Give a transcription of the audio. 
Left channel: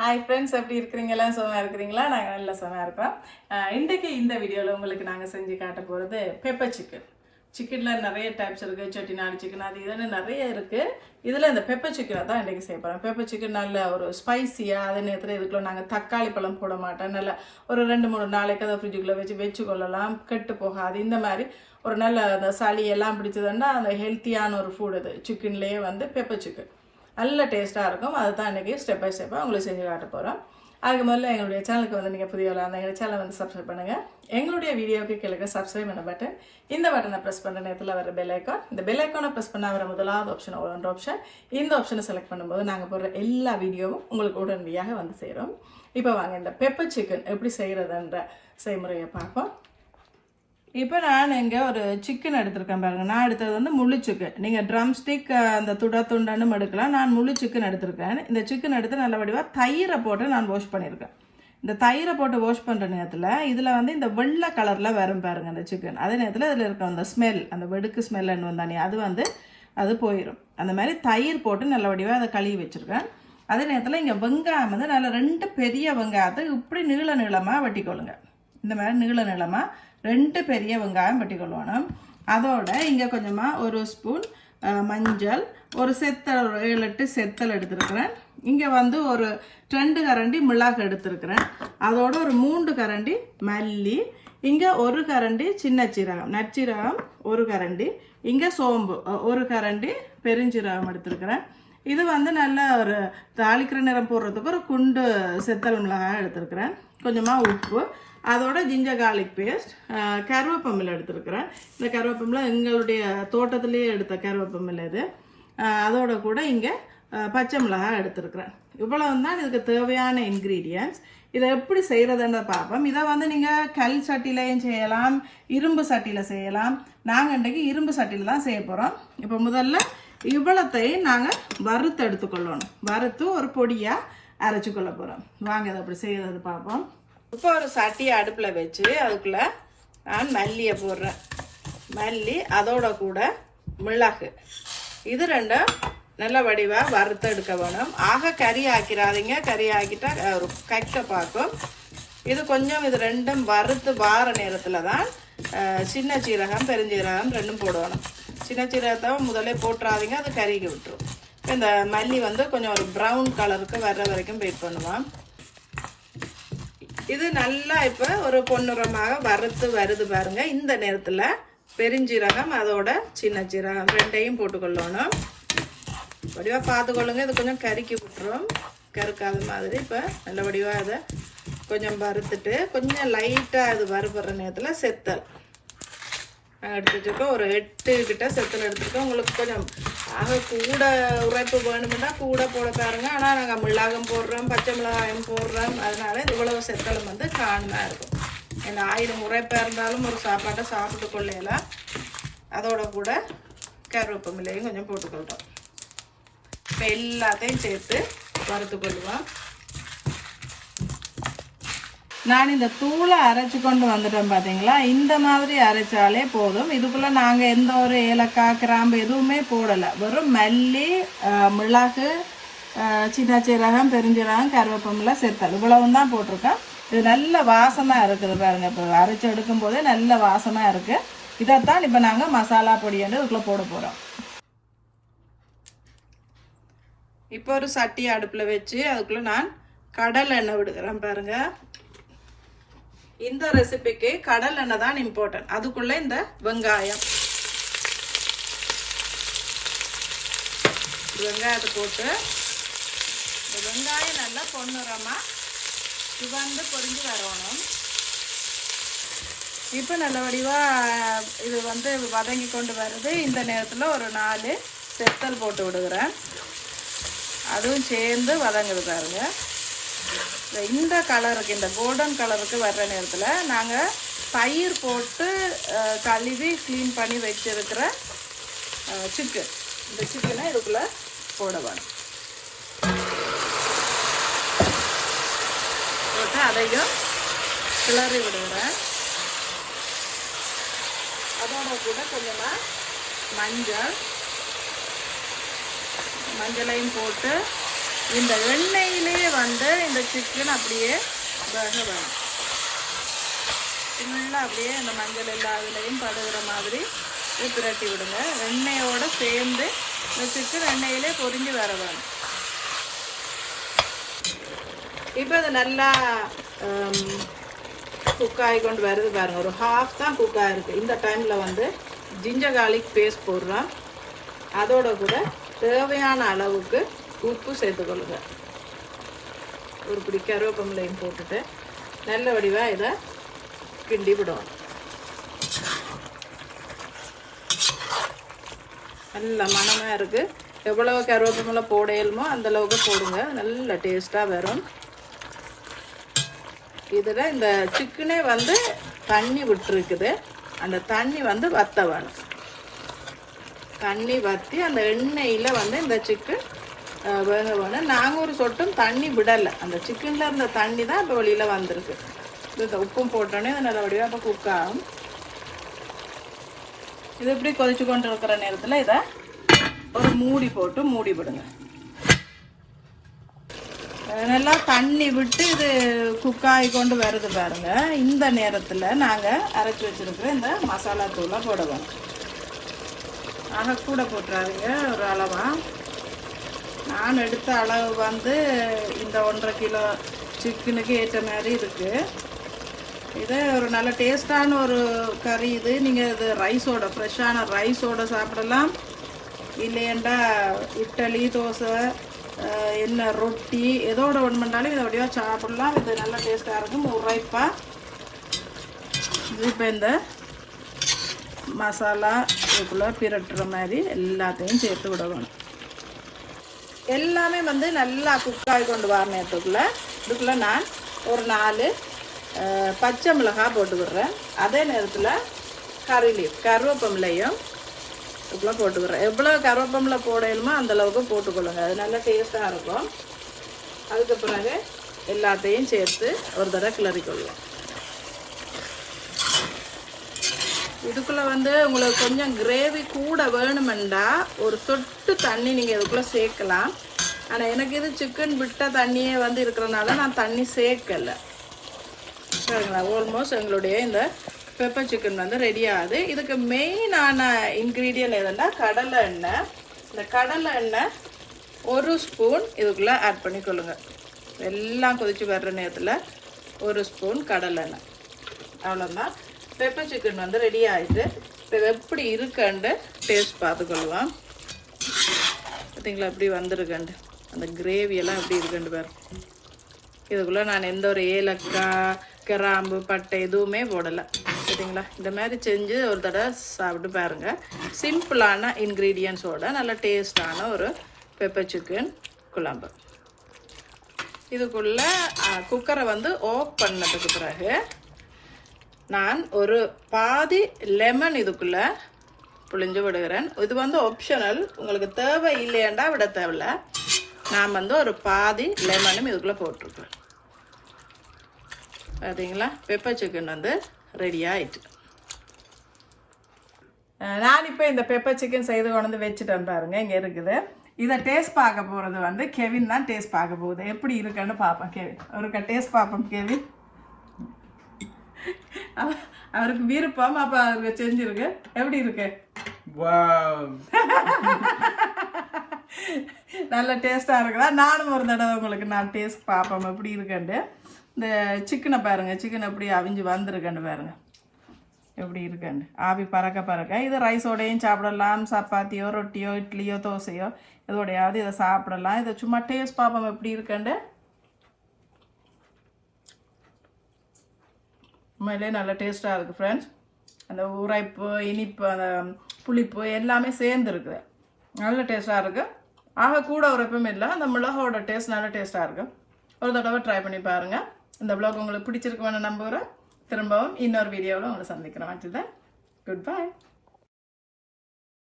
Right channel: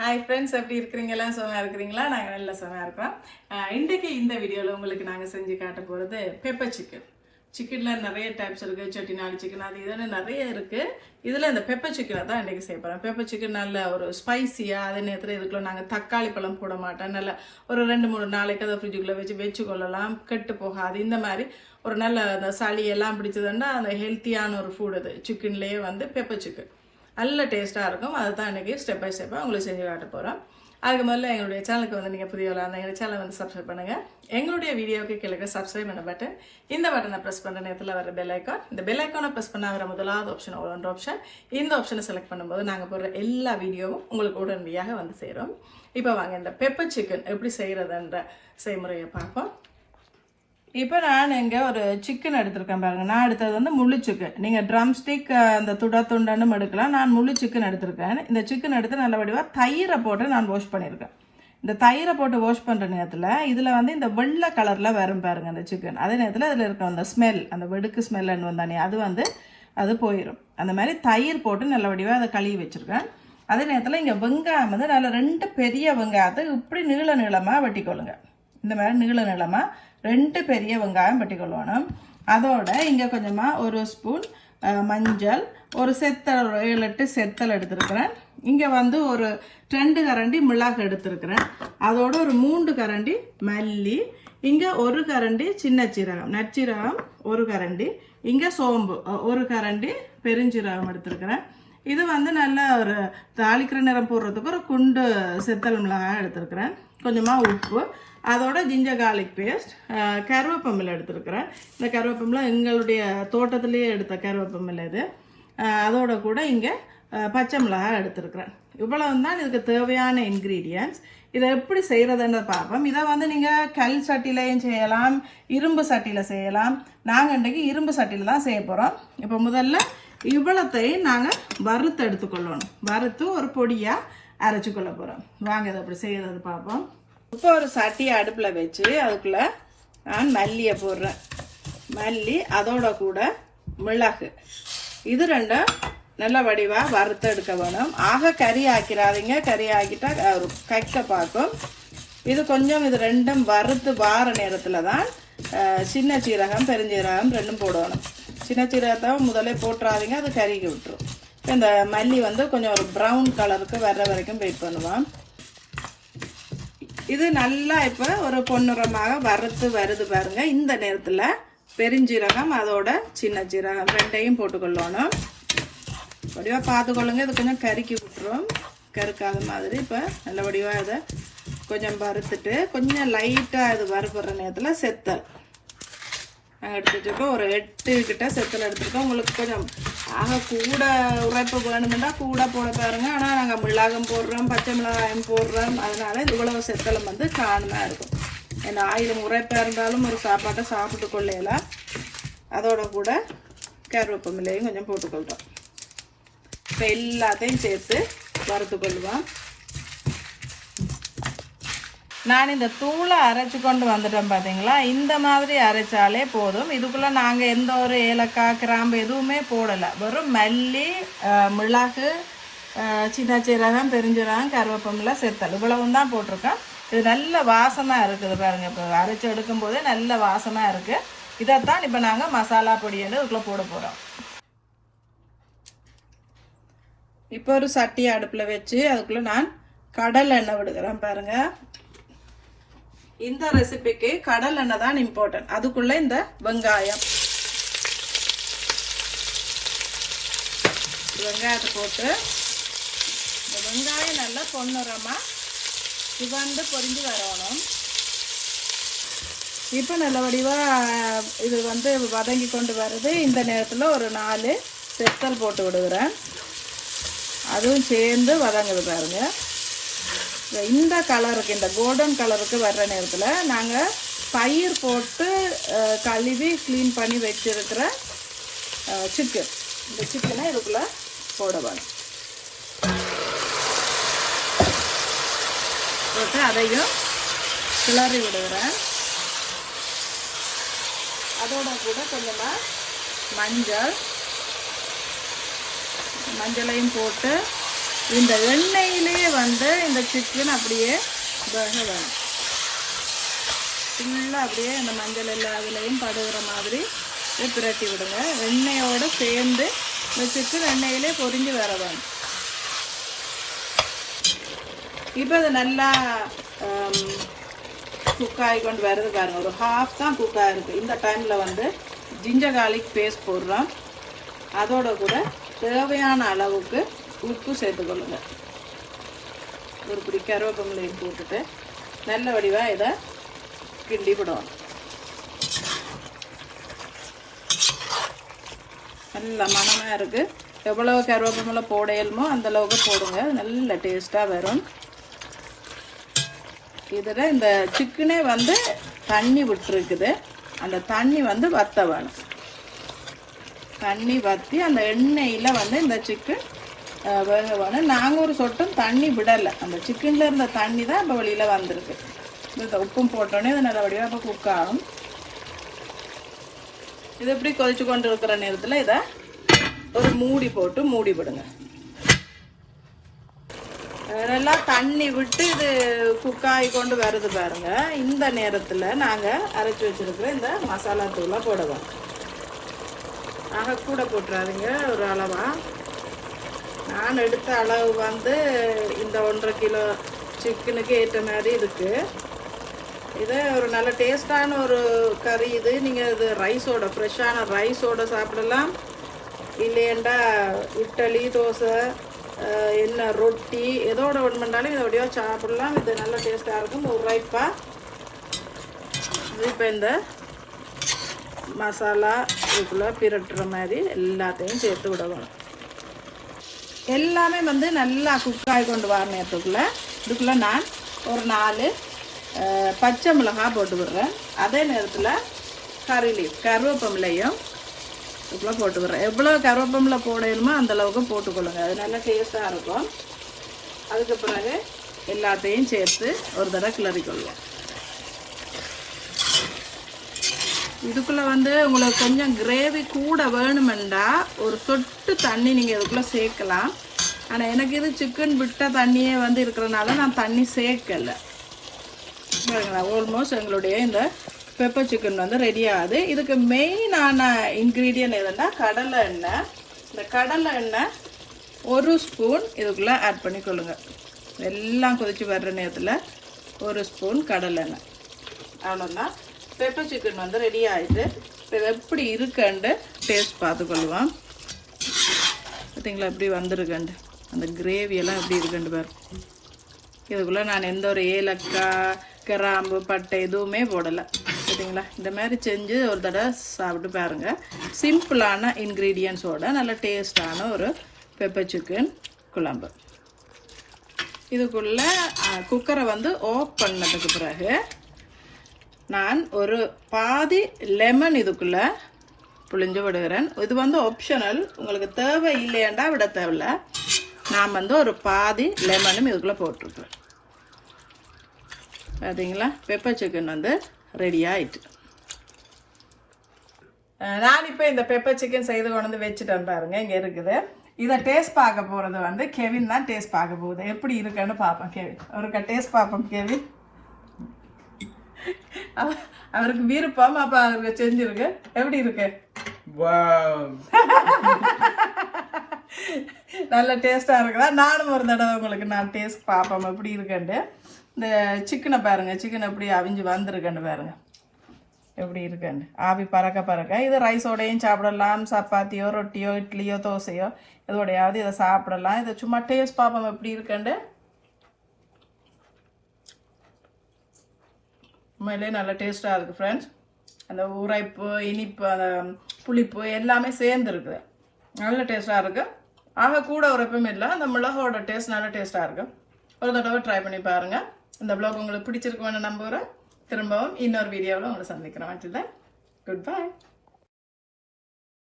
Hi friends, எப்படி இருக்கிறீங்களா? சுகமாக இருக்கிறீங்களா? நாங்கள் நல்ல சுகமாக இருக்கிறோம். இன்றைக்கு இந்த வீடியோவில் உங்களுக்கு நாங்கள் செஞ்சு காட்ட போகிறது பெப்பர் சிக்கன். சிக்கனில் நிறைய டைப்ஸ் இருக்குது. செட்டிநாடு சிக்கன் அது இதுன்னு நிறைய இருக்குது. இதில் இந்த பெப்பர் சிக்கனை தான் இன்றைக்கி செய்ய போகிறோம். பெப்பர் சிக்கன் நல்ல ஒரு ஸ்பைஸியாக, அதே நேரத்தில் இதுக்குள்ள நாங்கள் தக்காளி பழம் போட மாட்டோம். நல்ல ஒரு 2-3 நாளைக்கு அதை ஃப்ரிட்ஜுக்குள்ளே வச்சு கொள்ளலாம், கெட்டு போகாது. இந்த மாதிரி ஒரு நல்ல அந்த சளி எல்லாம் பிடிச்சதுன்னா அந்த ஹெல்த்தியான ஒரு ஃபுட் அது. சிக்கன்லேயே வந்து பெப்பர் சிக்கன் நல்ல டேஸ்ட்டாக இருக்கும். அதை தான் இன்றைக்கி ஸ்டெப் பை ஸ்டெப்பாக உங்களுக்கு செஞ்சு காட்ட போகிறோம். அதுக்கு முதல்ல எங்களுடைய சேனலுக்கு வந்து நீங்கள் புதியவளாக இருந்தால் எங்கள் சேனலை வந்து சப்ஸ்கிரைப் பண்ணுங்கள். எங்களுடைய வீடியோவுக்கு கீழே சப்ஸ்கிரைப் பண்ண பட்டன், இந்த பட்டனை ப்ரெஸ் பண்ணுற நேரத்தில் வர பெல் ஐக்கான், இந்த பெல் ஐக்கானை ப்ரெஸ் பண்ண வர முதலாவது ஆப்ஷன் ஒன்று ஆப்ஷன். இந்த ஆப்ஷனை செலக்ட் பண்ணும்போது நாங்கள் போடுற எல்லா வீடியோவும் உங்களுக்கு உடனடியாக வந்து சேரும். இப்போ வாங்க இந்த பெப்பர் சிக்கன் எப்படி செய்கிறதுன்ற செய்முறையை பார்ப்போம். இப்போ நான் இங்கே ஒரு சிக்கன் எடுத்திருக்கேன் பாருங்கள். நான் எடுத்தது வந்து முழு சிக்கன். நீங்கள் ட்ரம் ஸ்டிக் அந்த துண்டன்னு எடுக்கலாம். நான் முழு சிக்கன் எடுத்திருக்கேன். இந்த சிக்கன் எடுத்து நல்ல வடிவாக தயிரை போட்டு நான் வாஷ் பண்ணியிருக்கேன். இந்த தயிரை போட்டு வாஷ் பண்ணுற நேரத்தில் இதில் வந்து இந்த வெள்ளை கலரில் வரும் பாருங்கள் இந்த சிக்கன். அதே நேரத்தில் இதில் இருக்கிற அந்த ஸ்மெல், அந்த வெடுக்கு ஸ்மெல்லுன்னு வந்தானே அது போயிடும். அந்த மாதிரி தயிர் போட்டு நல்ல வடிவாக அதை கழுவி வச்சுருக்கேன். அதே நேரத்தில் இங்கே வெங்காயம் வந்து நல்ல 2 பெரிய வெங்காயத்தை இப்படி நீளமாக வெட்டிக்கொள்ளுங்க. இந்த மாதிரி நீளமாக 2 பெரிய வெங்காயம் வெட்டிக்கொள்ளணும். அதோட இங்கே கொஞ்சமாக ஒரு ஸ்பூன் மஞ்சள், ஒரு 7-8 செத்தல் எடுத்துருக்கிறேன். இங்கே வந்து ஒரு 2 கரண்டி மிளகு எடுத்துருக்கிறேன். அதோட ஒரு 3 கரண்டி மல்லி, இங்கே 1 கரண்டி சின்ன சீரகம், நற்சீரகம் 1 கரண்டி, இங்கே சோம்பு 1 கரண்டி, பெருஞ்சீரகம் எடுத்துருக்கிறேன். இது வந்து நல்ல ஒரு தாளிக்கிற நிறம் போடுறதுக்கு ஒரு குண்டு செத்தல் மிளகாய் எடுத்துருக்கிறேன். கொஞ்சமாக உப்பு, அதோட ஜிஞ்சர் கார்லிக் பேஸ்ட், கருவேப்பமில்லை எடுத்துருக்கிறேன். இந்த கருவேப்பமில்லை எங்களுடைய தோட்டத்திலேயே எடுத்த கருவேப்பமில்லை இது. அதோட கூட இங்கே பச்சை மிளகாய் எடுத்துருக்கிறேன். இவ்வளவு தான் இதுக்கு தேவையான இன்க்ரீடியன்ட்ஸ். இதை எப்படி செய்கிறதுன்னு பார்ப்போம். இதை வந்து நீங்கள் கல் சட்டிலையும் செய்யலாம், இரும்பு சட்டியில் செய்யலாம். நாங்கள் இன்றைக்கு இரும்பு சட்டியில் தான் செய்ய போகிறோம். இப்போ முதல்ல இவ்வளத்தையும் நாங்கள் வறுத்து எடுத்துக்கொள்ளணும். வறுத்து ஒரு பொடியாக அரைச்சி கொள்ள போகிறோம். வாங்க இதை அப்படி செய்யறது பார்ப்போம். இப்போ ஒரு சட்டியை அடுப்பில் வச்சு அதுக்குள்ளே நான் மல்லியை போடுறேன். மல்லி அதோட கூட மிளகு, இது 2 நல்ல வடிவாக வறுத்து எடுக்க வேணும். ஆக கறி ஆக்கிறாதீங்க, கறி ஆக்கிட்டா கைக்க பார்க்கும். இது கொஞ்சம் இது 2ம் வறுத்து வார நேரத்தில் தான் சின்ன சீரகம் பெருஞ்சீரகம் 2ம் போடணும். சின்ன சீரகத்தை முதல்ல போட்டுறாதீங்க, அது கறிக்கு விட்டுரும். இந்த மல்லி வந்து கொஞ்சம் ஒரு ப்ரௌன் கலருக்கு வர்ற வரைக்கும் வெயிட் பண்ணுவோம். இது நல்லா இப்போ ஒரு பொன்னிறமாக வறுத்து வருது பாருங்க. இந்த நேரத்தில் பெருஞ்சீரகம் அதோட சின்ன சீரகம் 2யும் போட்டுக்கொள்ளணும். வடிவாக பார்த்துக்கொள்ளுங்க, இது கொஞ்சம் கறிக்கு விட்டுரும், கருக்காத மாதிரி. இப்போ நல்ல வடிவாக அதை கொஞ்சம் வறுத்துட்டு கொஞ்சம் லைட்டாக அது வறுப்புற நேரத்தில் செத்தல் எடுத்து வச்சுருக்கோம். ஒரு 8 கிட்ட செத்தல் எடுத்துருக்கோம். உங்களுக்கு கொஞ்சம் கூட உழைப்பு வேணும்னா கூட போட பாருங்க. ஆனால் நாங்கள் மிளகாயும் போடுறோம், பச்சை மிளகாயும் போடுறோம். அதனால இவ்வளவு செத்தலும் வந்து காணமாக இருக்கும். ஏன்னா ஆயிலும் உரைப்பாக இருந்தாலும் ஒரு சாப்பாட்டை சாப்பிட்டு கொள்ளையலாம். அதோட கூட கருவேப்பமில்லையும் கொஞ்சம் போட்டுக்கொள்கிறோம். இப்போ எல்லாத்தையும் சேர்த்து வறுத்து கொள்ளுவோம். நான் இந்த தூளை அரைச்சி கொண்டு வந்துட்டோம் பார்த்தீங்களா. இந்த மாதிரி அரைச்சாலே போதும். இதுக்குள்ளே நாங்கள் எந்த ஒரு ஏலக்காய் கிராம்பு எதுவுமே போடலை. வெறும் மல்லி, மிளகு, சின்ன சீரகம், பெருஞ்சீரகம், கருவேப்பமில்லை, செத்தல் இவ்வளவு தான் போட்டிருக்கோம். இது நல்ல வாசமாக இருக்குது பாருங்கள். இப்போ அரைச்சி எடுக்கும் போதே நல்ல வாசமாக இருக்குது. இதைத்தான் இப்போ நாங்கள் மசாலா பொடி வந்து இதுக்குள்ளே போட போகிறோம். இப்போ ஒரு சட்டியை அடுப்பில் வச்சு அதுக்குள்ளே நான் கடல் எண்ணெய் விடுக்கிறேன் பாருங்கள். இந்த ரெசிபிக்கு கடல் எண்ணெய் தான் இம்பார்ட்டன்ட். அதுக்குள்ள இந்த வெங்காயத்தை போட்டு இந்த வெங்காயம் நல்லா பொன்னிறமா சிவந்து பொரிஞ்சு வரணும். இப்போ நல்ல வடிவாக இது வந்து வதங்கி கொண்டு வருது. இந்த நேரத்தில் ஒரு 4 செத்தல் போட்டு விடுகிறேன். அதுவும் சேர்ந்து வதங்குது பாருங்க. இந்த கலருக்கு, இந்த கோல்டன் கலருக்கு வர்ற நேரத்தில் நாங்கள் பயிர் போட்டு கழுவி க்ளீன் பண்ணி வச்சிருக்கிற சிக்கன், இந்த சிக்கனை இதுக்குள்ளே போட வேணும். போட்டு அதையும் கிளறி விடுவேன். அதோட கூட கொஞ்சமாக மஞ்சளையும் போட்டு இந்த எண்ணெயிலேயே வந்து இந்த சிக்கன் அப்படியே வேக வேணும். ஃபுல்லாக அப்படியே இந்த மஞ்சள் எல்லா இதுலையும் படுகிற மாதிரி பிரட்டி விடுங்க. எண்ணெயோடு சேர்ந்து இந்த சிக்கன் எண்ணெயிலே பொரிஞ்சு வர வேணும். இப்போ இது நல்லா குக் ஆகி கொண்டு வருது பாருங்கள். ஒரு ஹாஃப் தான் குக் ஆகிருக்கு. இந்த டைமில் வந்து ஜிஞ்சர் கார்லிக் பேஸ்ட் போடுறோம். அதோட கூட தேவையான அளவுக்கு உப்பு சேர்த்துக்கொள்ளுங்க. ஒரு பிடி கருவேப்பிலையும் போட்டுட்டு நல்ல வடிவாக இதை கிண்டி விடுவோம். நல்ல மணமாக இருக்குது. எவ்வளோ கருவேப்பிலை போடையலுமோ அந்தளவுக்கு போடுங்க. நல்ல டேஸ்ட்டாக வரும். இதில் இந்த சிக்கனே வந்து தண்ணி விட்டுருக்குது. அந்த தண்ணி வந்து வற்ற வேணும். தண்ணி வற்றி அந்த எண்ணெயில் வந்து இந்த சிக்கன் வேக வேணும். நாங்கள் ஒரு சொட்டும் தண்ணி விடலை. அந்த சிக்கனில் இருந்த தண்ணி தான் இப்போ வெளியில் வந்திருக்கு. இந்த உப்பும் போட்டோன்னே இது நல்ல வடிவாக இப்போ குக் ஆகும். இது இப்படி கொதிச்சு கொண்டு இருக்கிற நேரத்தில் இதை ஒரு மூடி போட்டு மூடி விடுங்க. நல்லா தண்ணி விட்டு இது குக் ஆகி கொண்டு வருது பாருங்க. இந்த நேரத்தில் நாங்கள் அரைச்சி வச்சிருக்கிற இந்த மசாலா தூளை போடுவோம். அதை கூட போட்டுறாதீங்க. ஒரு அளவாக நான் எடுத்த அளவு வந்து இந்த 1.5 கிலோ சிக்கனுக்கு ஏற்ற மாதிரி இருக்குது. இதை ஒரு நல்ல டேஸ்டான ஒரு கறி. இது நீங்கள் இது ரைஸோட ஃப்ரெஷ்ஷான ரைஸோட சாப்பிடலாம். இல்லையண்டா இட்லி, தோசை, என்ன ரொட்டி எதோட ஒன்றுனாலும் இதோடய சாப்பிடலாம். இது நல்ல டேஸ்ட்டாக இருக்கும். உரைப்பா இப்போ இந்த மசாலா இதுக்குள்ளே பிரட்டுற மாதிரி எல்லாத்தையும் சேர்த்து விடணும். எல்லாமே வந்து நல்லா குக் ஆகி கொண்டு வர இதுக்குள்ளே நான் ஒரு 4 பச்சை மிளகாய் போட்டு விடுறேன். அதே நேரத்தில் கருவேப்பிலையும் இதுக்குள்ளே போட்டு விடுறேன். எவ்வளோ கருவேப்பிலை போடணுமோ அந்தளவுக்கு போட்டுக்கொள்ளுங்க. அது நல்லா டேஸ்ட்டாக இருக்கும். அதுக்கு பிறகு எல்லாத்தையும் சேர்த்து ஒரு தடவை கிளறிக்கொள்ளுங்க. இதுக்குள்ளே வந்து உங்களுக்கு கொஞ்சம் கிரேவி கூட வேணுமெண்டா ஒரு சொட்டு தண்ணி நீங்கள் இதுக்குள்ளே சேர்க்கலாம். ஆனால் எனக்கு இது சிக்கன் விட்ட தண்ணியே வந்து இருக்கிறதுனால நான் தண்ணி சேர்க்கலை. ஆல்மோஸ்ட் எங்களுடைய இந்த பெப்பர் சிக்கன் வந்து ரெடி ஆகுது. இதுக்கு மெயினான இன்க்ரீடியன்ட் எதுன்னா கடலை எண்ணெய். இந்த கடலை எண்ணெய் 1 ஸ்பூன் இதுக்குள்ளே ஆட் பண்ணிக்கொள்ளுங்க. எல்லாம் கொதிச்சு வர்ற நேரத்தில் 1 ஸ்பூன் கடலை எண்ணெய். அவ்வளோதான். பெப்பர் சிக்கன் வந்து ரெடி ஆகிட்டு இப்போ எப்படி இருக்குன்னு டேஸ்ட் பார்த்துக்கொள்வோம். பார்த்தீங்களா எப்படி வந்துருக்கண்டு அந்த கிரேவியெல்லாம் எப்படி இருக்குன்னு பாரு. இதுக்குள்ளே நான் எந்த ஒரு ஏலக்காய், கிராம்பு, பட்டை எதுவுமே போடலை. சரிங்களா? இந்த மாதிரி செஞ்சு ஒரு தடவை சாப்பிட்டு பாருங்கள். சிம்பிளான இன்க்ரீடியன்ஸோட நல்ல டேஸ்டான ஒரு பெப்பர் சிக்கன் குழம்பு. இதுக்குள்ளே குக்கரை வந்து ஆஃப் பண்ணதுக்கு பிறகு நான் ஒரு பாதி லெமன் இதுக்குள்ளே புளிஞ்சு விடுகிறேன். இது வந்து ஆப்ஷனல். உங்களுக்கு தேவை இல்லையாண்டா விட தேவையில்ல. நான் வந்து ஒரு பாதி லெமனும் இதுக்குள்ளே போட்டிருக்கேன். பார்த்தீங்களா? பெப்பர் சிக்கன் வந்து ரெடி ஆயிட்டு. நான் இப்போ இந்த பெப்பர் சிக்கன் செய்து கொண்டு வந்து வச்சுட்டேன் பாருங்க. இங்கே இருக்குது. இதை டேஸ்ட் பார்க்க போகிறது வந்து கெவின் தான் டேஸ்ட் பார்க்க போகுது. எப்படி இருக்குன்னு பார்ப்பேன். கெவின் அவருக்கு டேஸ்ட் பார்ப்போம். கெவின் அவருக்கு விருப்பம். அப்ப அவருக்கு செஞ்சிருக்கு. எப்படி இருக்கு? நல்ல டேஸ்டா இருக்குதா? நானும் ஒரு தடவை உங்களுக்கு நான் டேஸ்ட் பார்ப்போம் எப்படி இருக்குண்டு. இந்த சிக்கனை பாருங்க. சிக்கன் எப்படி அவிஞ்சு வந்திருக்குன்னு பாருங்க. எப்படி இருக்குண்டு ஆவி பறக்க. இது ரைஸோடையும் சாப்பிடலாம். சப்பாத்தியோ, ரொட்டியோ, இட்லியோ, தோசையோ இதோடையாவது இதை சாப்பிடலாம். இதை சும்மா டேஸ்ட் பார்ப்போம் எப்படி இருக்குண்டு. உண்மையிலே நல்ல டேஸ்ட்டாக இருக்குது ஃப்ரெண்ட்ஸ். அந்த உரைப்பு, இனிப்பு, அந்த புளிப்பு எல்லாமே சேர்ந்துருக்குது. நல்ல டேஸ்ட்டாக இருக்குது. ஆக கூட உரைப்பும் இல்லை. அந்த மிளகோட டேஸ்ட் நல்ல டேஸ்ட்டாக இருக்குது. ஒரு தடவை ட்ரை பண்ணி பாருங்கள். இந்த வ்ளாக் உங்களுக்கு பிடிச்சிருக்கு வேணும் நம்புகிறேன். திரும்பவும் இன்னொரு வீடியோவில் உங்களை சந்திக்கிறேன். Good bye.